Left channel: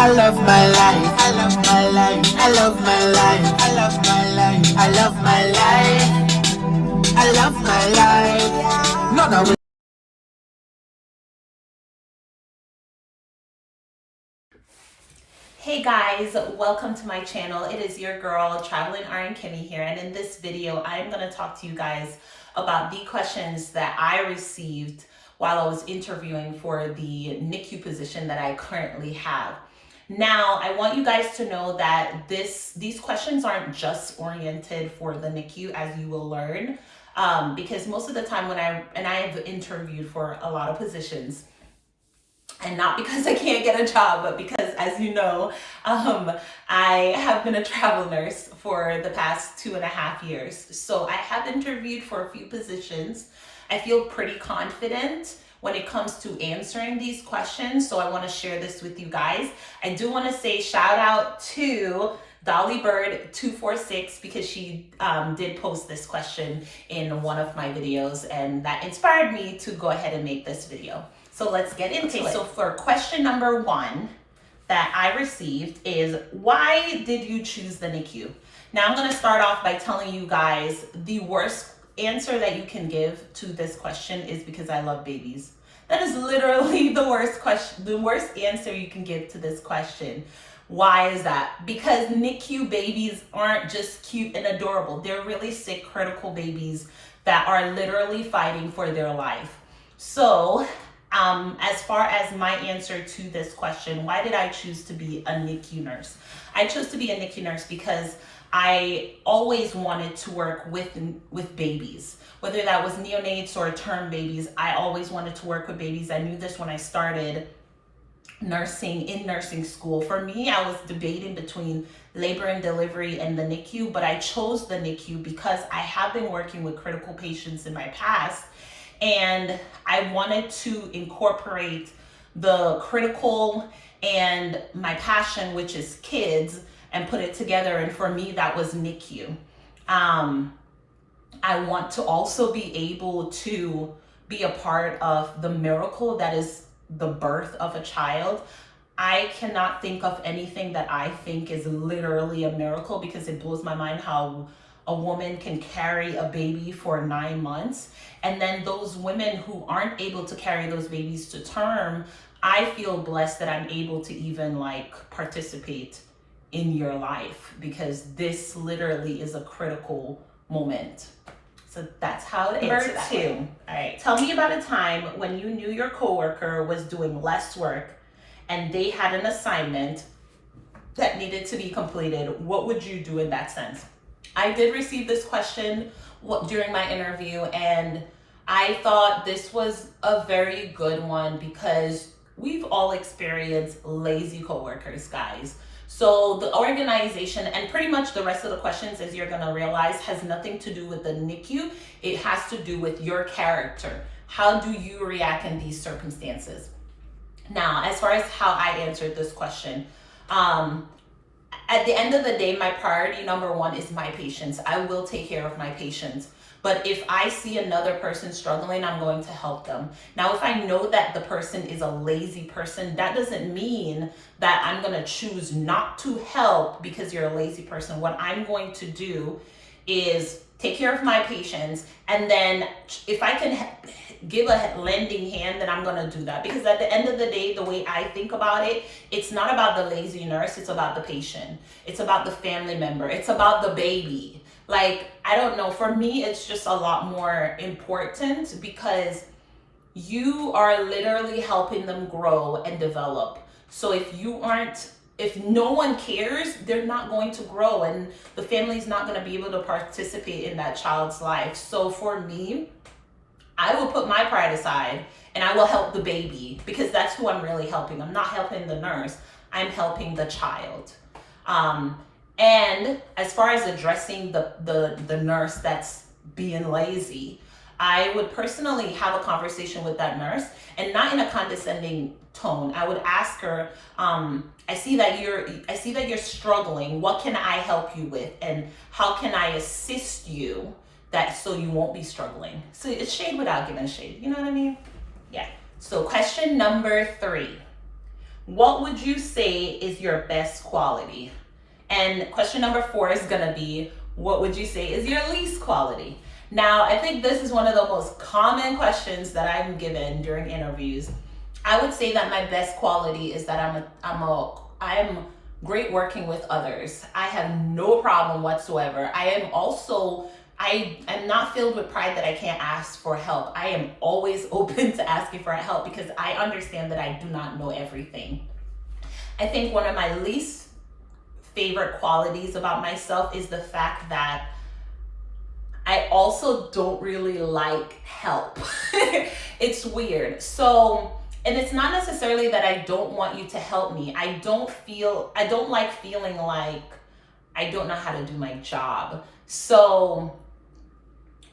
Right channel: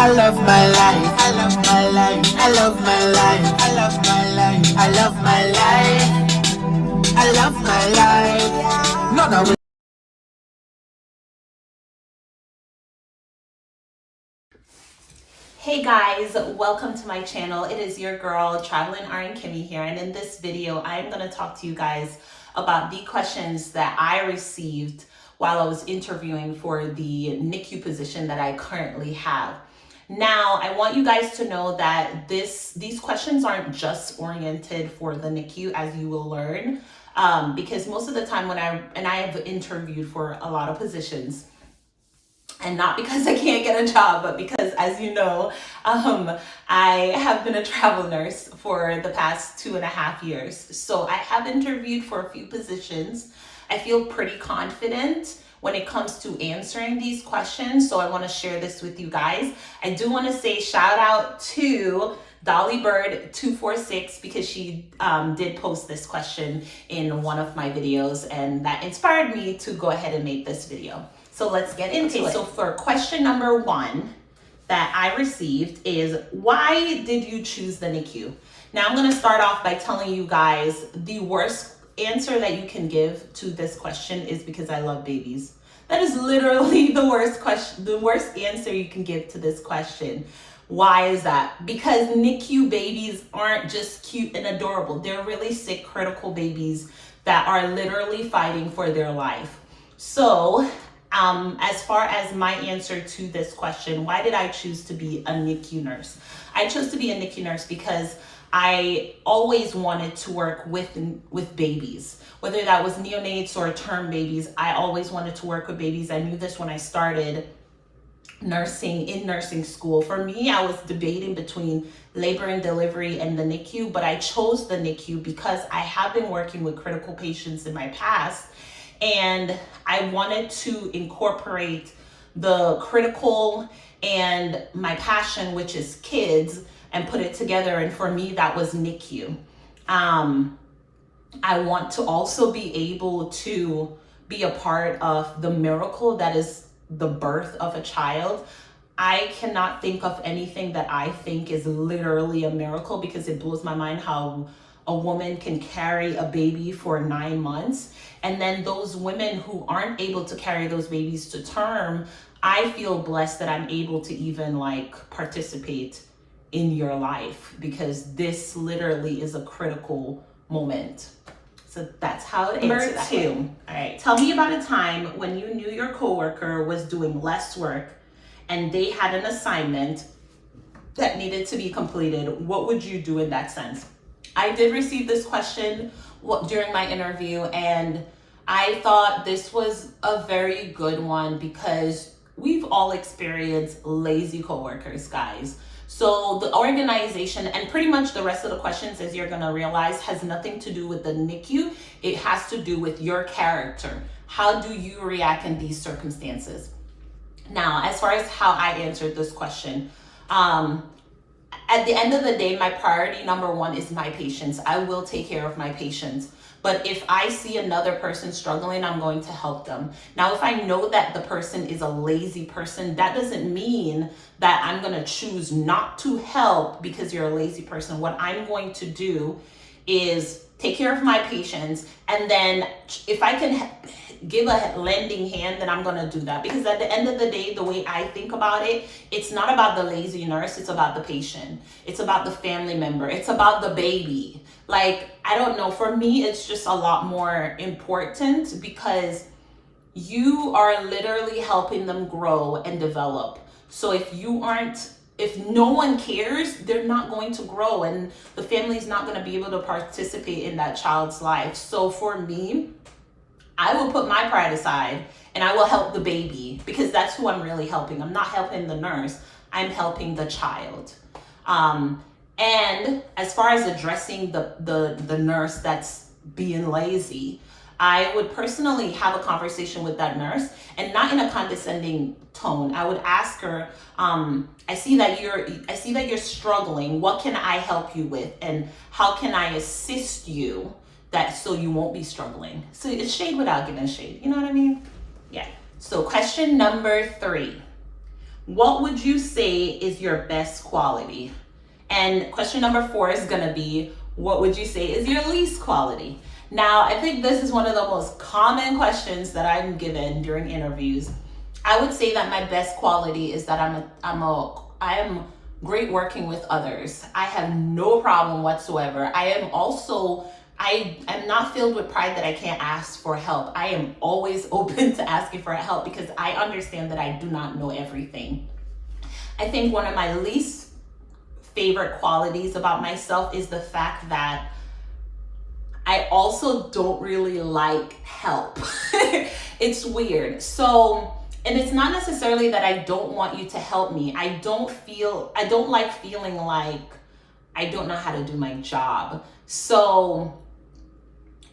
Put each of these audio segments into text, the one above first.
I love my life. I love my life. I love my life. I love my life. I love my life. I love my life. No, no. Hey guys, welcome to my channel. It is your girl, Traveling RN Kimmy here, and in this video, I'm going to talk to you guys about the questions that I received while I was interviewing for the Nicu position that I currently have. Now, I want you guys to know that these questions aren't just oriented for the Nicu, as you will learn, because most of the time when I have interviewed for a lot of positions, and not because I can't get a job, but because, as you know, I have been a travel nurse for the past 2.5 years. So I have interviewed for a few positions. I feel pretty confident when it comes to answering these questions. So I want to share this with you guys. I do want to say shout out to Dolly Bird 246 because she did post this question in one of my videos, and that inspired me to go ahead and make this video. So let's get into it. So for question number 1 that I received is, why did you choose the NICU? Now I'm going to start off by telling you guys the worst answer that you can give to this question is because I love babies. That is literally the worst question, the worst answer you can give to this question. Why is that? Because NICU babies aren't just cute and adorable. They're really sick, critical babies that are literally fighting for their life. So as far as my answer to this question, why did I choose to be a NICU nurse? I chose to be a NICU nurse because I always wanted to work with babies, whether that was neonates or term babies. I always wanted to work with babies. I knew this when I started nursing school. For me, I was debating between labor and delivery and the NICU, but I chose the NICU because I have been working with critical patients in my past, and I wanted to incorporate the critical and my passion, which is kids, and put it together. And for me, that was NICU. I want to also be able to be a part of the miracle that is the birth of a child. I cannot think of anything that I think is literally a miracle, because it blows my mind how a woman can carry a baby for 9 months. And then those women who aren't able to carry those babies to term, I feel blessed that I'm able to even participate in your life, because this literally is a critical moment. So that's how it answers that way. All right, tell me about a time when you knew your coworker was doing less work and they had an assignment that needed to be completed. What would you do in that sense? I did receive this question during my interview, and I thought this was a very good one because we've all experienced lazy coworkers, guys. So the organization and pretty much the rest of the questions, as you're gonna realize, has nothing to do with the NICU. It has to do with your character. How do you react in these circumstances? Now, as far as how I answered this question, at the end of the day, my priority number 1 is my patients. I will take care of my patients. But if I see another person struggling, I'm going to help them. Now, if I know that the person is a lazy person, that doesn't mean that I'm going to choose not to help because you're a lazy person. What I'm going to do is take care of my patients, and then if I can give a lending hand, then I'm going to do that. Because at the end of the day, the way I think about it, it's not about the lazy nurse, it's about the patient. It's about the family member. It's about the baby. I don't know, for me, it's just a lot more important because you are literally helping them grow and develop. So if no one cares, they're not going to grow, and the family's not going to be able to participate in that child's life. So for me, I will put my pride aside and I will help the baby, because that's who I'm really helping. I'm not helping the nurse, I'm helping the child. And as far as addressing the nurse that's being lazy, I would personally have a conversation with that nurse, and not in a condescending tone. I would ask her, I see that you're struggling. What can I help you with? And how can I assist you so you won't be struggling? So it's shade without giving shade. You know what I mean? Yeah. So question number 3. what would you say is your best quality? And question number 4 is gonna be, what would you say is your least quality? Now, I think this is one of the most common questions that I'm given during interviews. I would say that my best quality is that I'm great working with others. I have no problem whatsoever. I am not filled with pride that I can't ask for help. I am always open to asking for help because I understand that I do not know everything. I think one of my least favorite qualities about myself is the fact that I also don't really like help. It's weird. So, and it's not necessarily that I don't want you to help me. I don't like feeling like I don't know how to do my job. So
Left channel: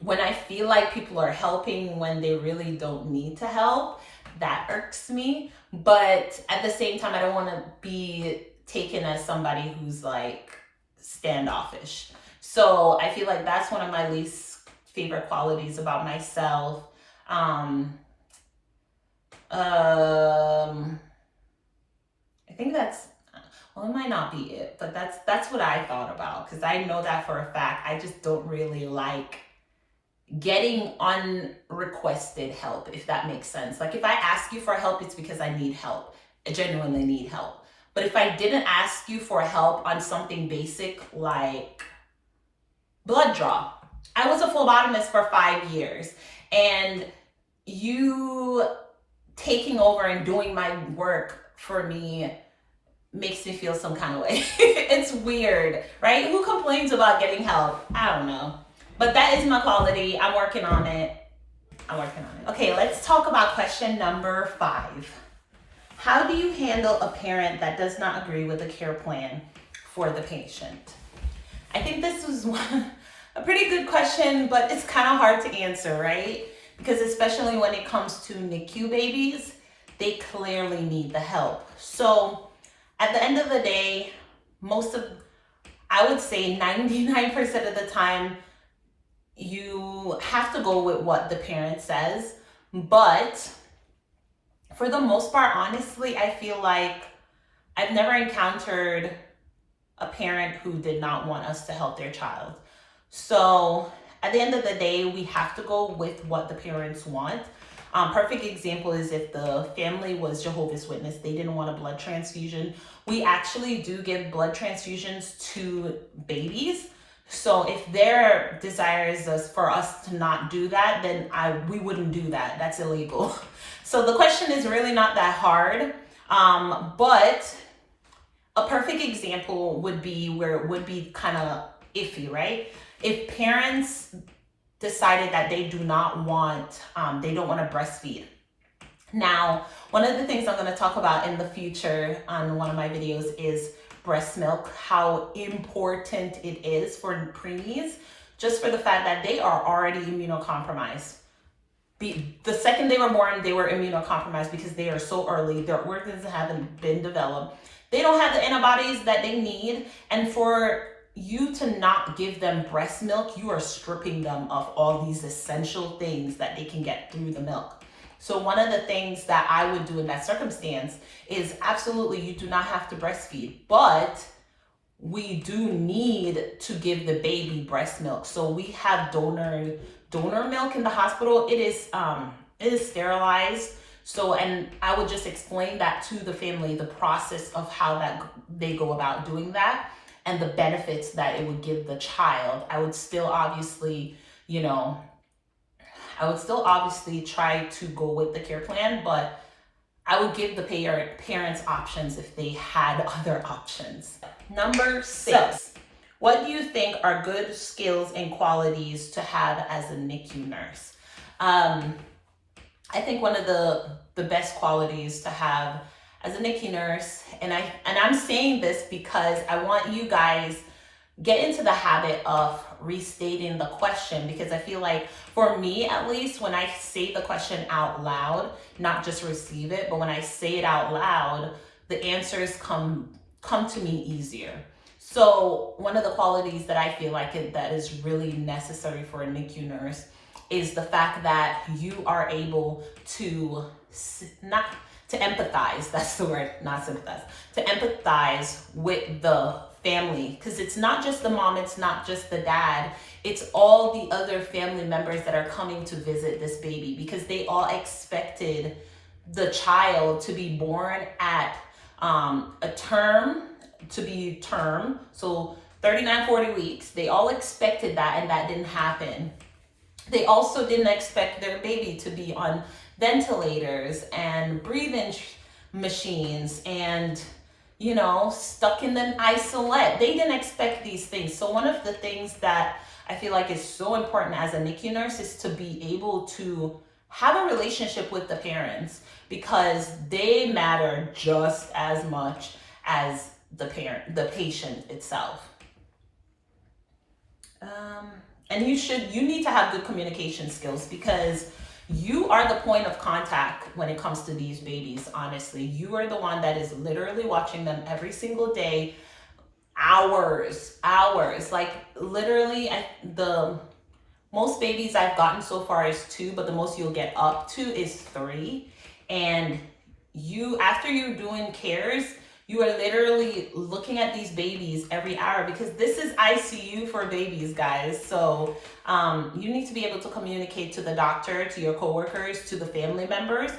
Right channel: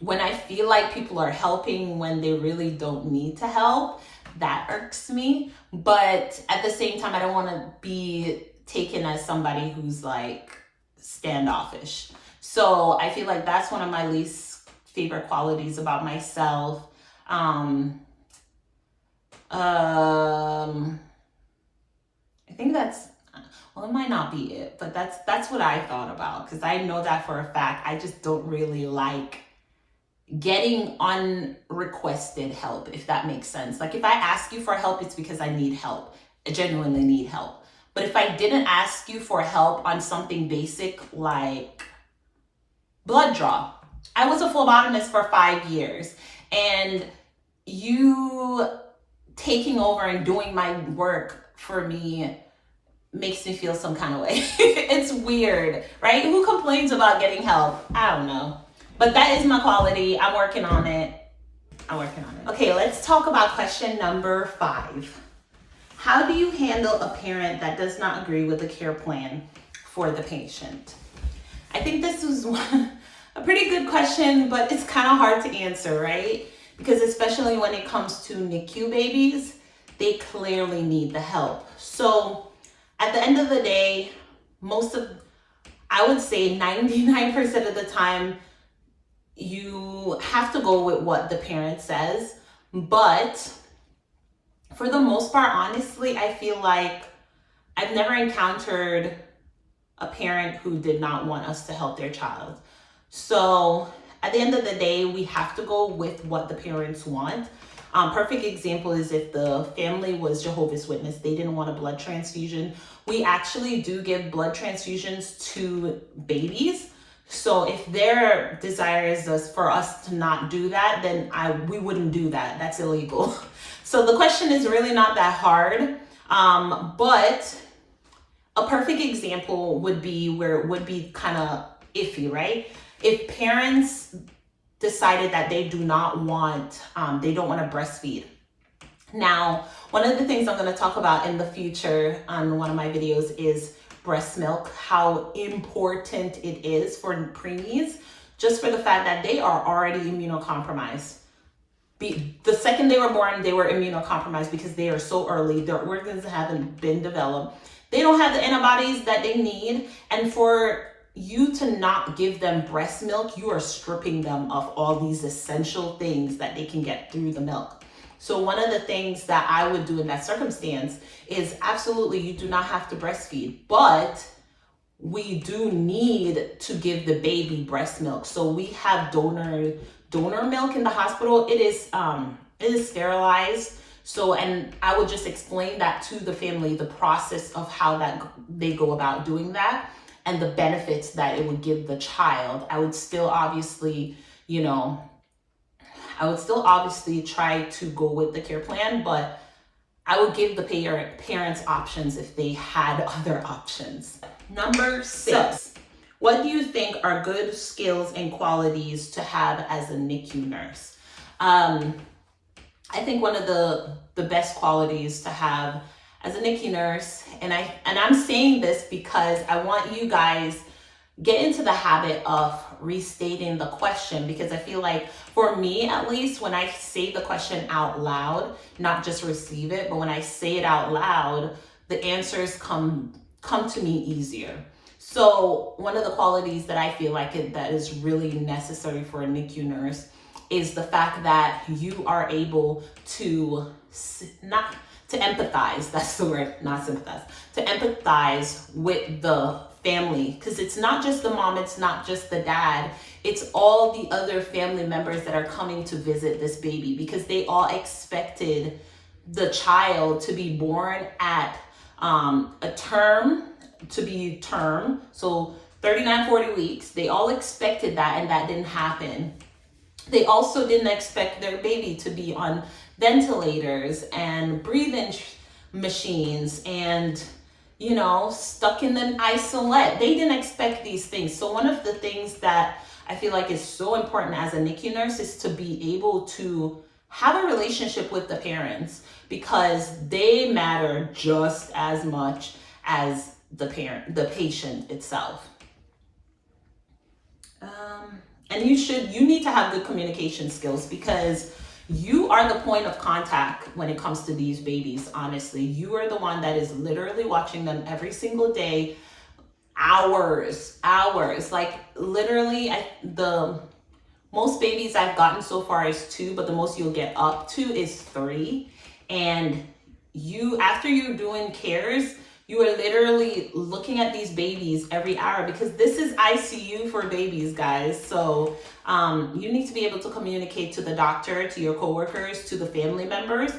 when I feel like people are helping when they really don't need to help, that irks me. But at the same time, I don't want to be taken as somebody who's like standoffish. So I feel like that's one of my least favorite qualities about myself. I think that's, well, it might not be it, but that's what I thought about, because I know that for a fact. I just don't really like getting unrequested help, if that makes sense. Like if I ask you for help, it's because I need help. I genuinely need help. But if I didn't ask you for help on something basic like blood draw, I was a phlebotomist for 5 years, and you taking over and doing my work for me makes me feel some kind of way. It's weird, right? Who complains about getting help? I don't know. But that is my quality. I'm working on it. Okay, let's talk about question number 5. How do you handle a parent that does not agree with the care plan for the patient? I think this was a pretty good question, but it's kind of hard to answer, right? Because especially when it comes to Nicu babies, they clearly need the help. So at the end of the day, I would say 99% of the time, you have to go with what the parent says. But for the most part, honestly, I feel like I've never encountered a parent who did not want us to help their child. So at the end of the day, we have to go with what the parents want. Perfect example is if the family was Jehovah's Witness, they didn't want a blood transfusion. We actually do give blood transfusions to babies. So if their desire is for us to not do that, then we wouldn't do that. That's illegal. So the question is really not that hard. But a perfect example would be where it would be kind of iffy, right? If parents decided that they don't want to breastfeed. Now, one of the things I'm going to talk about in the future on one of my videos is breast milk, how important it is for preemies, just for the fact that they are already immunocompromised. The second they were born, they were immunocompromised because they are so early. Their organs haven't been developed. They don't have the antibodies that they need. And for you to not give them breast milk, you are stripping them of all these essential things that they can get through the milk. So one of the things that I would do in that circumstance is absolutely you do not have to breastfeed, but we do need to give the baby breast milk. So we have donor milk in the hospital. It is sterilized. So, and I would just explain that to the family, the process of how that they go about doing that and the benefits that it would give the child. I would still obviously, try to go with the care plan, but I would give the parents options if they had other options. Number 6, what do you think are good skills and qualities to have as a NICU nurse? I think one of the best qualities to have as a NICU nurse, and I'm saying this because I want you guys get into the habit of restating the question, because I feel like for me, at least, when I say the question out loud, not just receive it, but when I say it out loud, the answers come to me easier. So one of the qualities that I feel like that is really necessary for a NICU nurse is the fact that you are able to to empathize, that's the word, not sympathize, to empathize with the family, because it's not just the mom, it's not just the dad, it's all the other family members that are coming to visit this baby, because they all expected the child to be born at a term, so 39-40 weeks. They all expected that, and that didn't happen. They also didn't expect their baby to be on ventilators and breathing machines and, you know, stuck in an isolate. They didn't expect these things. So one of the things that I feel like is so important as a NICU nurse is to be able to have a relationship with the parents, because they matter just as much as the patient itself. And you need to have good communication skills, because you are the point of contact when it comes to these babies. Honestly, you are the one that is literally watching them every single day, hours, like literally. The most babies I've gotten so far is 2, but the most you'll get up to is 3. And after you're doing cares, you are literally looking at these babies every hour, because this is ICU for babies, guys. So you need to be able to communicate to the doctor, to your coworkers, to the family members.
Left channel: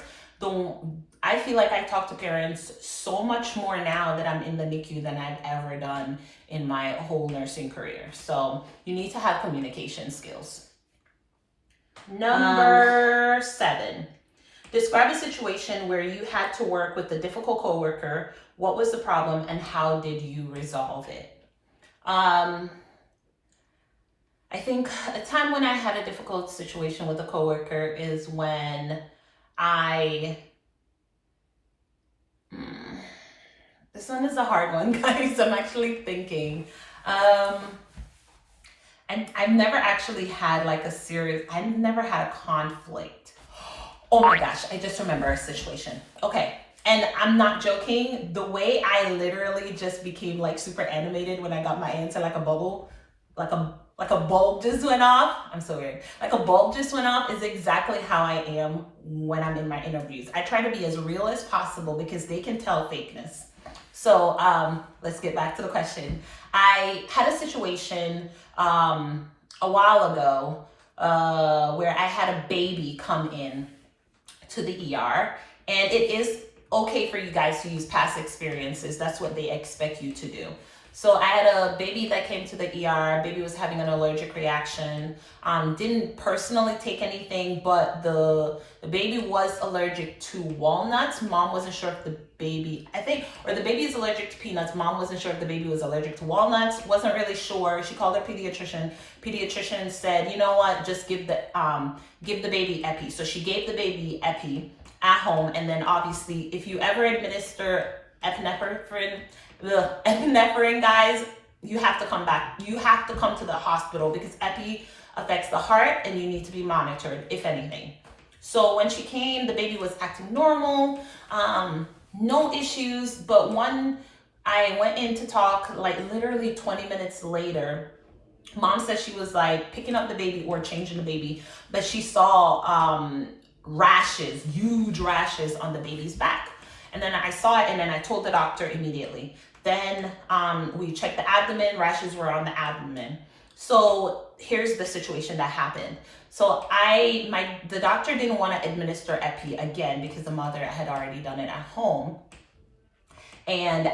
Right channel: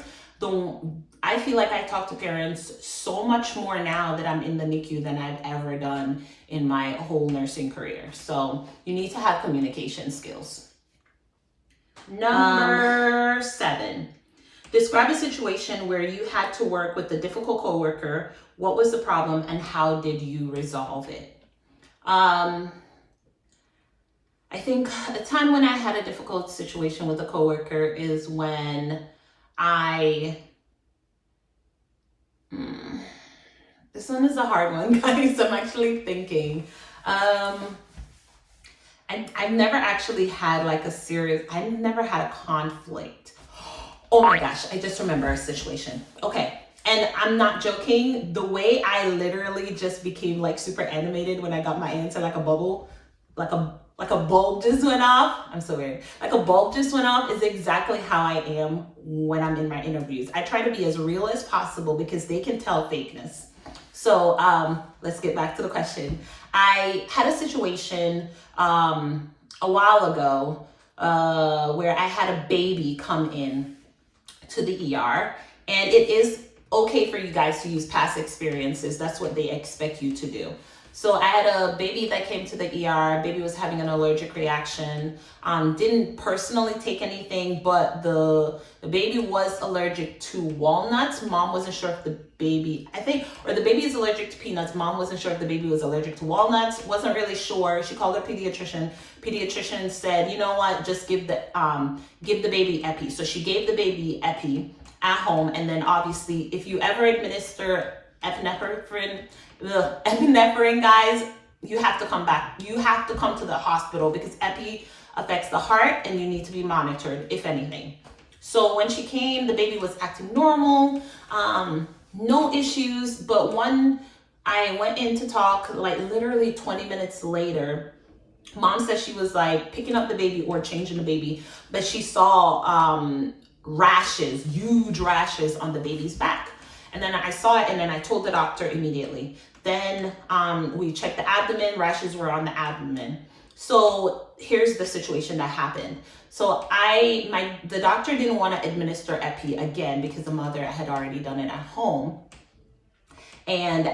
I feel like I talk to parents so much more now that I'm in the NICU than I've ever done in my whole nursing career. So you need to have communication skills. Number 7. Describe a situation where you had to work with a difficult coworker. What was the problem and how did you resolve it? I think a time when I had a difficult situation with a coworker is when this one is a hard one, guys. I'm actually thinking. I've never actually had I've never had a conflict. Oh my gosh, I just remember a situation. Okay, and I'm not joking. The way I literally just became like super animated when I got my answer, like a bubble, like a bulb just went off. I'm so weird. Like a bulb just went off is exactly how I am when I'm in my interviews. I try to be as real as possible because they can tell fakeness. So let's get back to the question. I had a situation a while ago where I had a baby come in to the ER, and it is okay for you guys to use past experiences. That's what they expect you to do. So I had a baby that came to the ER. Baby was having an allergic reaction. Didn't personally take anything, but the baby was allergic to walnuts. Mom wasn't sure if the baby is allergic to peanuts. Mom wasn't sure if the baby was allergic to walnuts. Wasn't really sure. She called her pediatrician. Pediatrician said, you know what, just give the baby epi. So she gave the baby epi at home. And then obviously, if you ever administer epinephrine, guys, you have to come back. You have to come to the hospital because epi affects the heart and you need to be monitored, if anything. So when she came, the baby was acting normal, no issues. But I went in to talk, like literally 20 minutes later, mom said she was like picking up the baby or changing the baby, but she saw rashes, huge rashes on the baby's back. And then I saw it, and then I told the doctor immediately. Then we checked the abdomen, rashes were on the abdomen. So here's the situation that happened. So the doctor didn't want to administer epi again because the mother had already done it at home. And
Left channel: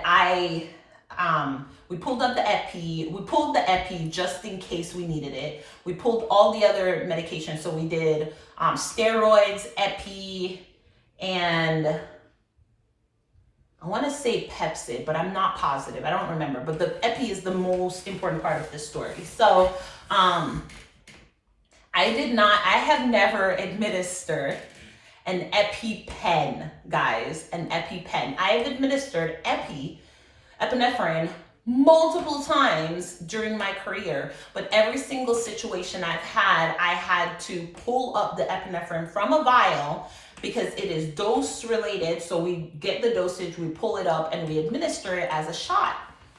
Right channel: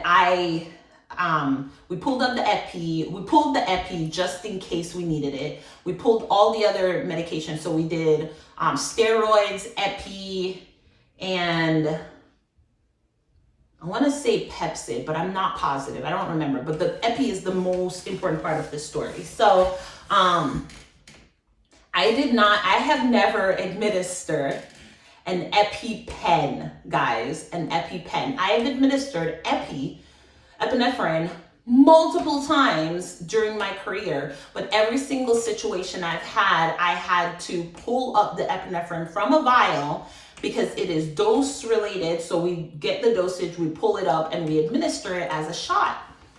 we pulled up the epi. We pulled the epi just in case we needed it. We pulled all the other medications. So we did steroids, epi, and I want to say Pepsid, but I'm not positive. I don't remember. But the epi is the most important part of the story. So I have never administered an EpiPen, guys, an EpiPen. I have administered epinephrine multiple times during my career, but every single situation I've had, I had to pull up the epinephrine from a vial because it is dose related. So we get the dosage, we pull it up, and we administer it as a shot.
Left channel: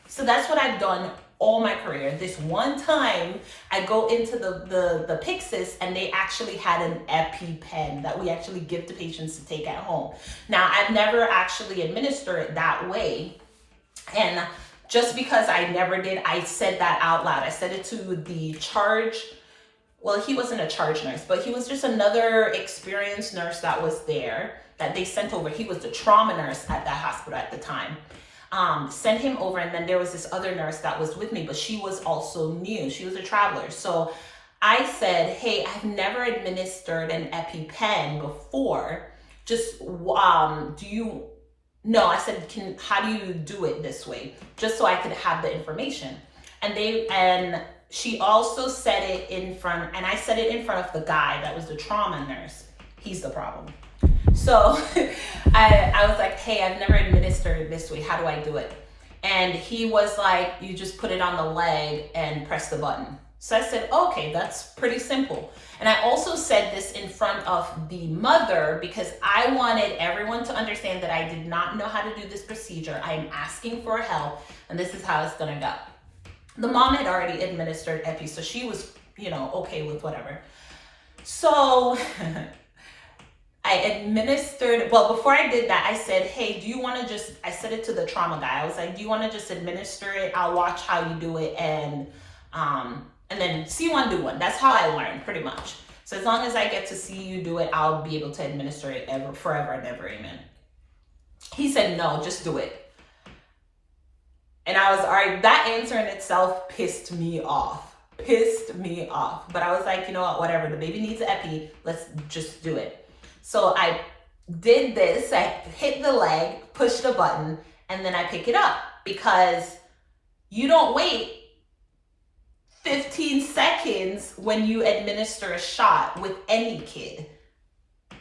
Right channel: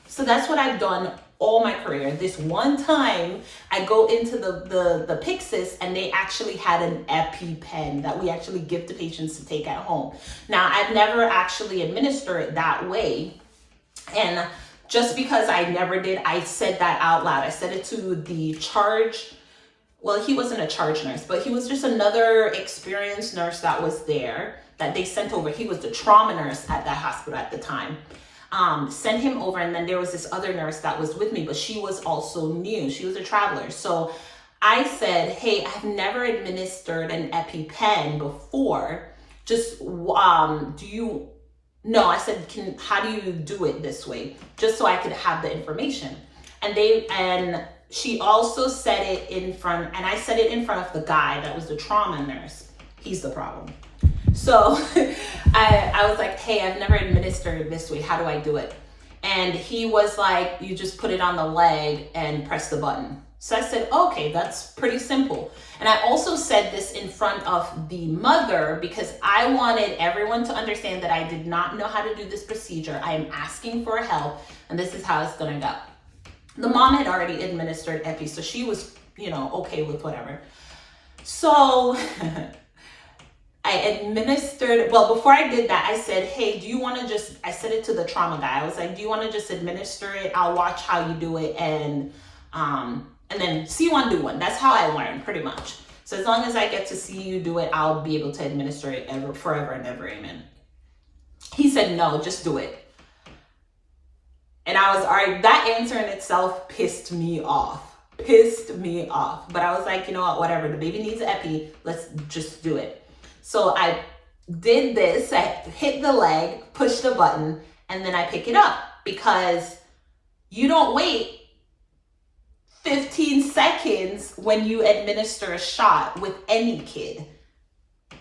So that's what I've done all my career. This one time I go into the Pyxis and they actually had an EpiPen that we actually give to patients to take at home. Now, I've never actually administered it that way. And just because I never did, I said that out loud. I said it to the charge. Well, he wasn't a charge nurse, but he was just another experienced nurse that was there that they sent over. He was the trauma nurse at that hospital at the time. Sent him over, and then there was this other nurse that was with me, but she was also new. She was a traveler. So I said, hey, I've never administered an EpiPen before. Just, no, I said, how do you do it this way? Just so I could have the information. And she also said it in front, and I said it in front of the guy that was the trauma nurse. He's the problem. So I was like, hey, I've never administered it this way. How do I do it? And he was like, you just put it on the leg and press the button. So I said, okay, that's pretty simple. And I also said this in front of the mother because I wanted everyone to understand that I did not know how to do this procedure. I am asking for help, and this is how it's gonna go. The mom had already administered Epi, so she was, okay with whatever. So I administered, well, before I did that, I said, hey, I said it to the trauma guy. I was like, do you want to just administer it? I'll watch how you do it and then see one, do one. That's how I learned pretty much. So as long as I get to see you do it, I'll be able to administer it forever and ever, amen. He said, no, just do it. And I was, all right, that answer in itself pissed me off. But I was like, you know what, whatever, the baby needs Epi, let's just do it. So I did this, I hit the leg, push the button, and then I pick it up because you don't wait 15 seconds when you administer a shot with any kid,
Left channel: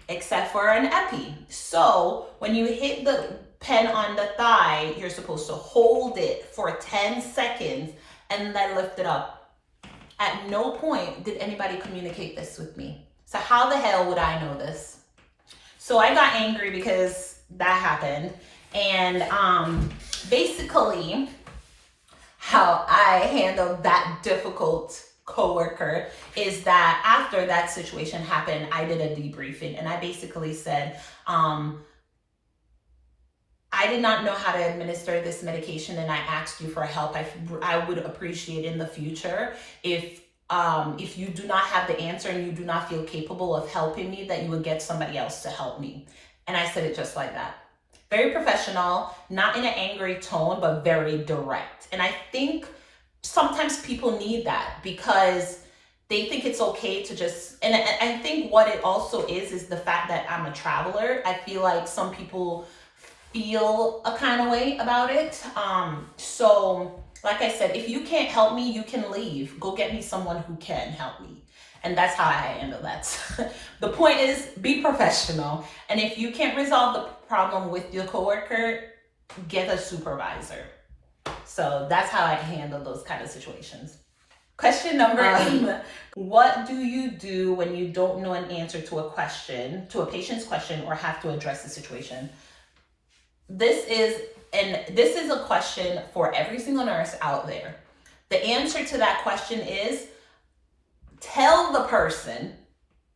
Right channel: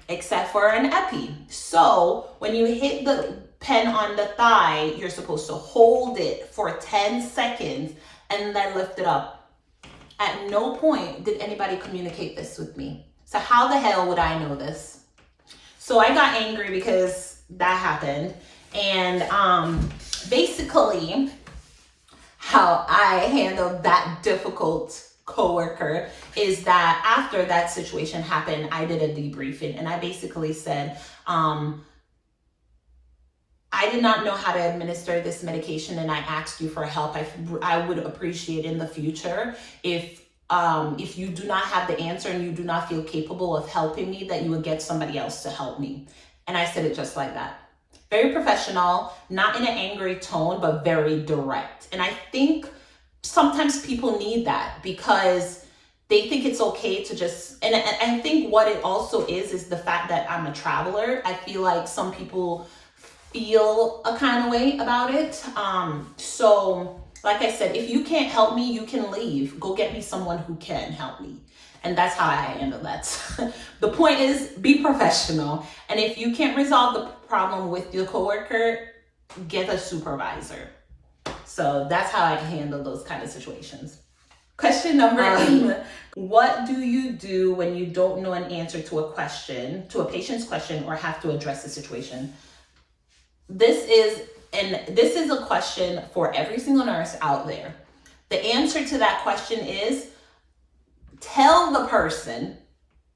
except for an Epi. So when you hit the pen on the thigh, you're supposed to hold it for 10 seconds and then lift it up. At no point did anybody communicate this with me. So how the hell would I know this? So I got angry because that happened. And basically how I handled that difficult coworker is that after that situation happened, I did a debriefing and I basically said, I did not know how to administer this medication and I asked you for help. I would appreciate in the future if you do not have the answer and you do not feel capable of helping me, that you would get somebody else to help me. And I said it just like that. Very professional, not in an angry tone, but very direct. And I think sometimes people need that because they think it's okay to just, and I think what it also is the fact that I'm a traveler. I feel like some people feel a kind of way about it. So like I said, if you can't help me, you can leave. Go get me someone who can help me. And that's how I handle that. The point is, be professional. And if you can't resolve the problem with your coworker, get a supervisor. So that's how I handle those kind of situations. Question number 8. What do you do when you don't know an answer to a patient's question, or have to address the situation? This is a question for every single nurse out there. The answer to that question is, tell the person,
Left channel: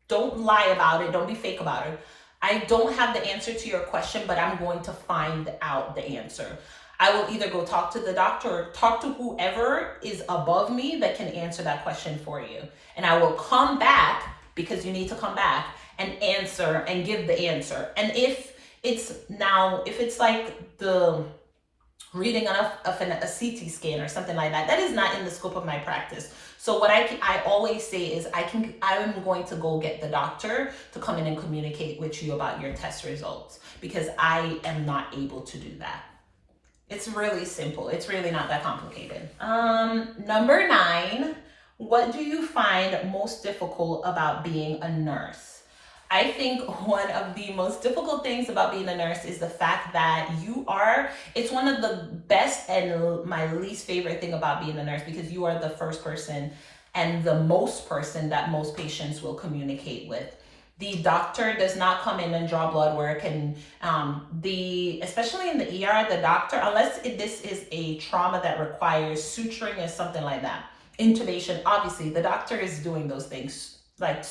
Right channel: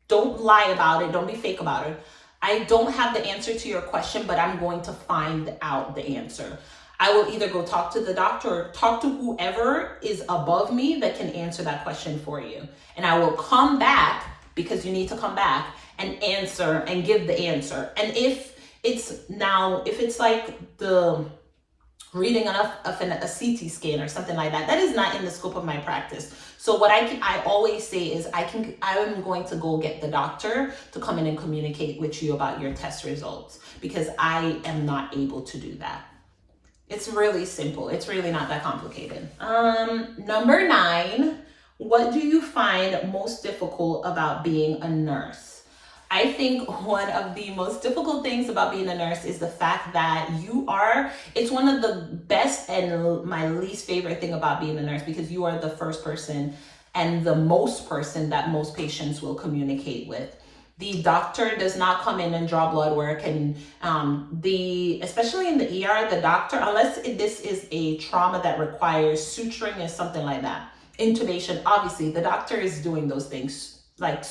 don't lie about it, don't be fake about it. I don't have the answer to your question, but I'm going to find out the answer. I will either go talk to the doctor or talk to whoever is above me that can answer that question for you. And I will come back, because you need to come back and answer and give the answer. And if it's like the reading of a CT scan or something like that, that is not in the scope of my practice. So what I always say is I am going to go get the doctor to come in and communicate with you about your test results, because I am not able to do that. It's really simple. It's really not that complicated. Number 9, what do you find most difficult about being a nurse? I think one of the most difficult things about being a nurse is the fact that it's one of the best and my least favorite thing about being a nurse, because you are the first person and the most person that most patients will communicate with. The doctor does not come in and draw blood work, and especially in the ER, the doctor, unless this is a trauma that requires suturing or something like that, intubation, obviously the doctor is doing those things, like,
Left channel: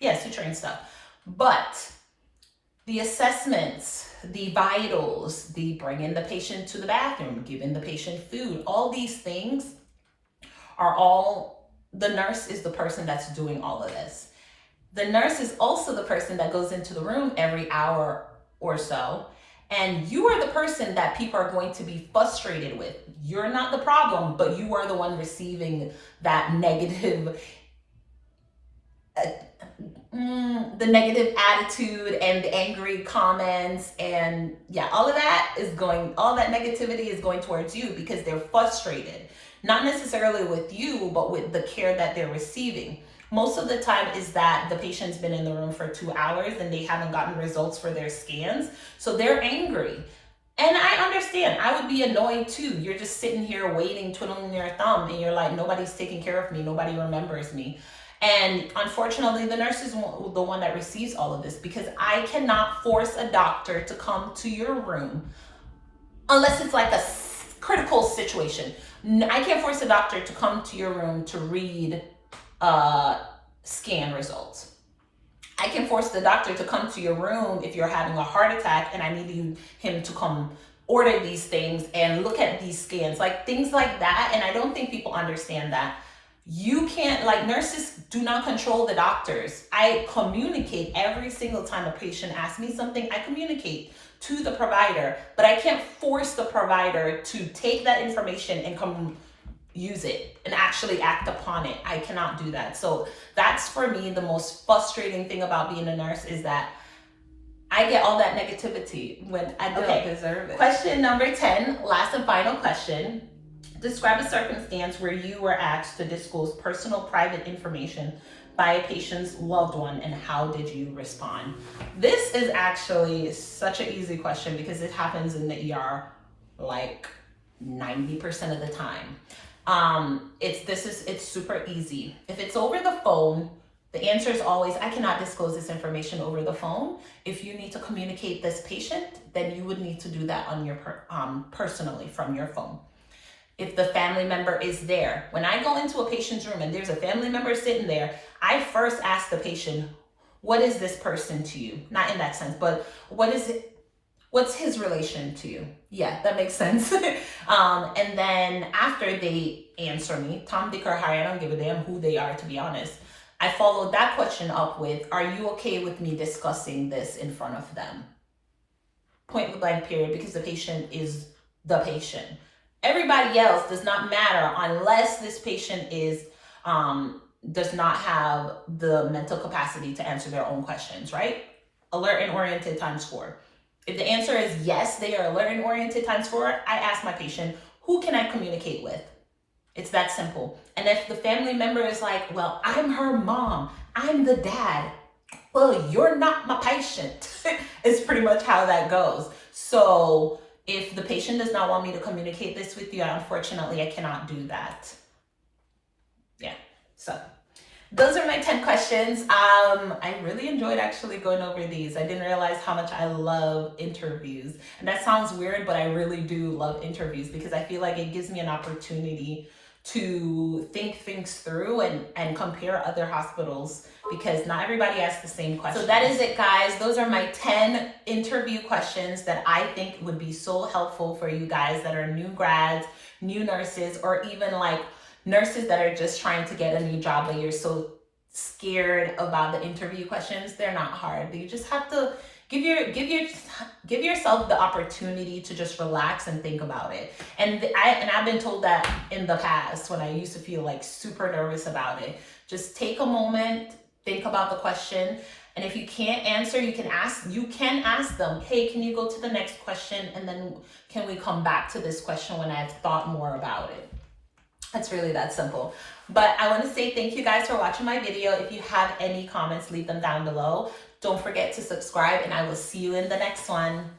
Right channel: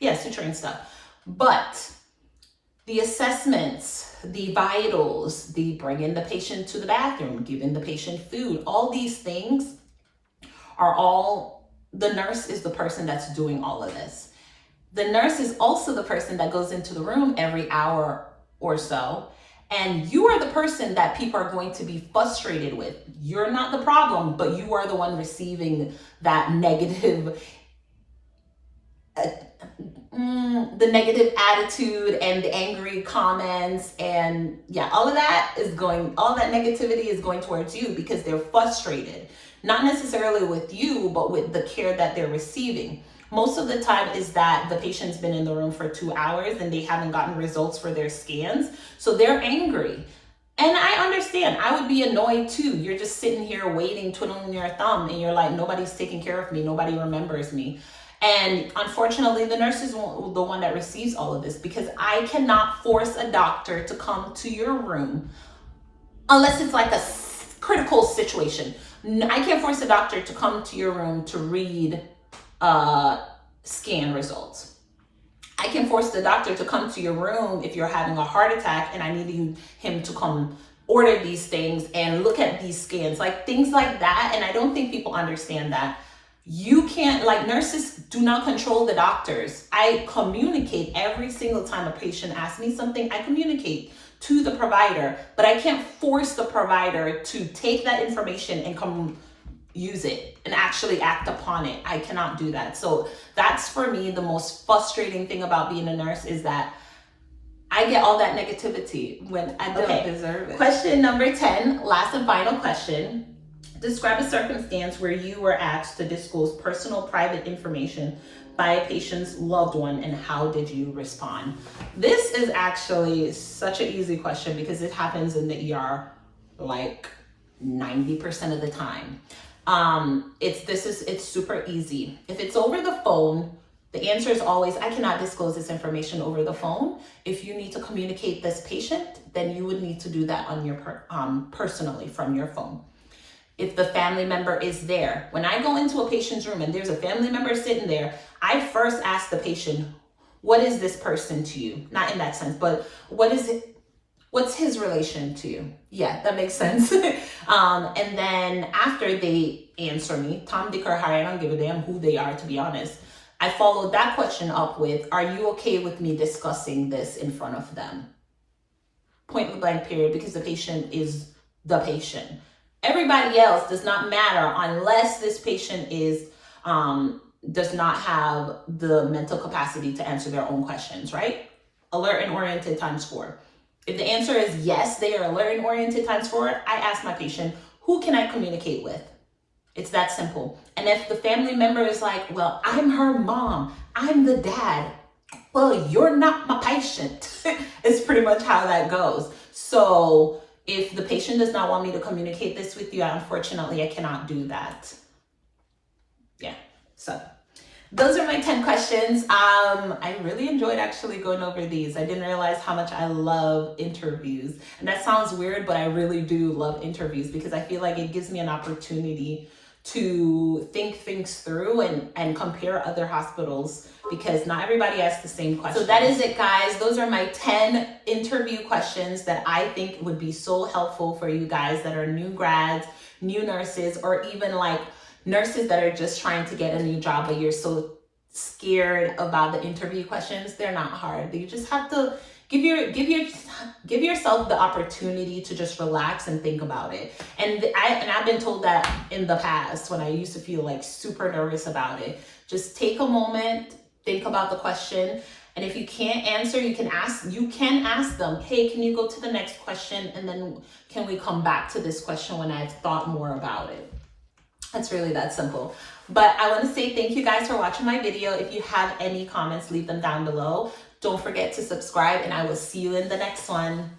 yeah, suturing stuff. But the assessments, the vitals, the bringing the patient to the bathroom, giving the patient food, all these things are all, the nurse is the person that's doing all of this. The nurse is also the person that goes into the room every hour or so, and you are the person that people are going to be frustrated with. You're not the problem, but you are the one receiving that negative, the negative attitude and the angry comments, and yeah, all that negativity is going towards you because they're frustrated, not necessarily with you, but with the care that they're receiving. Most of the time is that the patient's been in the room for 2 hours and they haven't gotten results for their scans. So they're angry. And I understand, I would be annoyed too. You're just sitting here waiting, twiddling your thumb, and you're like, nobody's taking care of me, nobody remembers me. And unfortunately, the nurse is the one that receives all of this, because I cannot force a doctor to come to your room unless it's like a critical situation. I can't force a doctor to come to your room to read scan results. I can force the doctor to come to your room if you're having a heart attack and I need him to come order these things and look at these scans, like things like that. And I don't think people understand that. You can't, like, nurses do not control the doctors. I communicate every single time a patient asks me something, I communicate to the provider, but I can't force the provider to take that information and come use it and actually act upon it. I cannot do that. So that's, for me, the most frustrating thing about being a nurse, is that I get all that negativity when I don't deserve it. Question number 10, last and final question. Describe a circumstance where you were asked to disclose personal private information by a patient's loved one, and how did you respond? This is actually such an easy question because it happens in the ER like 90% of the time. It's super easy. If it's over the phone, the answer is always, I cannot disclose this information over the phone. If you need to communicate this patient, then you would need to do that on your personally from your phone. If the family member is there, when I go into a patient's room and there's a family member sitting there, I first ask the patient, what is this person to you? Not in that sense, but what is it? What's his relation to you? Yeah, that makes sense. And then after they answer me, Tom, Dick, or Harry, I don't give a damn who they are, to be honest. I followed that question up with, are you okay with me discussing this in front of them? Point blank period, because the patient is the patient. Everybody else does not matter unless this patient is does not have the mental capacity to answer their own questions, right? Alert and oriented times 4. If the answer is yes, they are alert and oriented times 4, I ask my patient, who can I communicate with? It's that simple. And if the family member is like, well, I'm her mom, I'm the dad, well, you're not my patient. It's pretty much how that goes. So if the patient does not want me to communicate this with you, unfortunately, I cannot do that. Yeah, so those are my 10 questions. I really enjoyed actually going over these. I didn't realize how much I love interviews. And that sounds weird, but I really do love interviews because I feel like it gives me an opportunity to think things through and compare other hospitals, because not everybody asks the same question. So that is it, guys. Those are my 10 interview questions that I think would be so helpful for you guys that are new grads, new nurses, or even like nurses that are just trying to get a new job, but you're so scared about the interview questions. They're not hard. You just have to give yourself the opportunity to just relax and think about it. And I've been told that in the past when I used to feel like super nervous about it. Just take a moment, think about the question, and if you can't answer, you can ask them, hey, can you go to the next question, and then can we come back to this question when I've thought more about it? It's really that simple. But I want to say thank you guys for watching my video. If you have any comments, leave them down below. Don't forget to subscribe, and I will see you in the next one.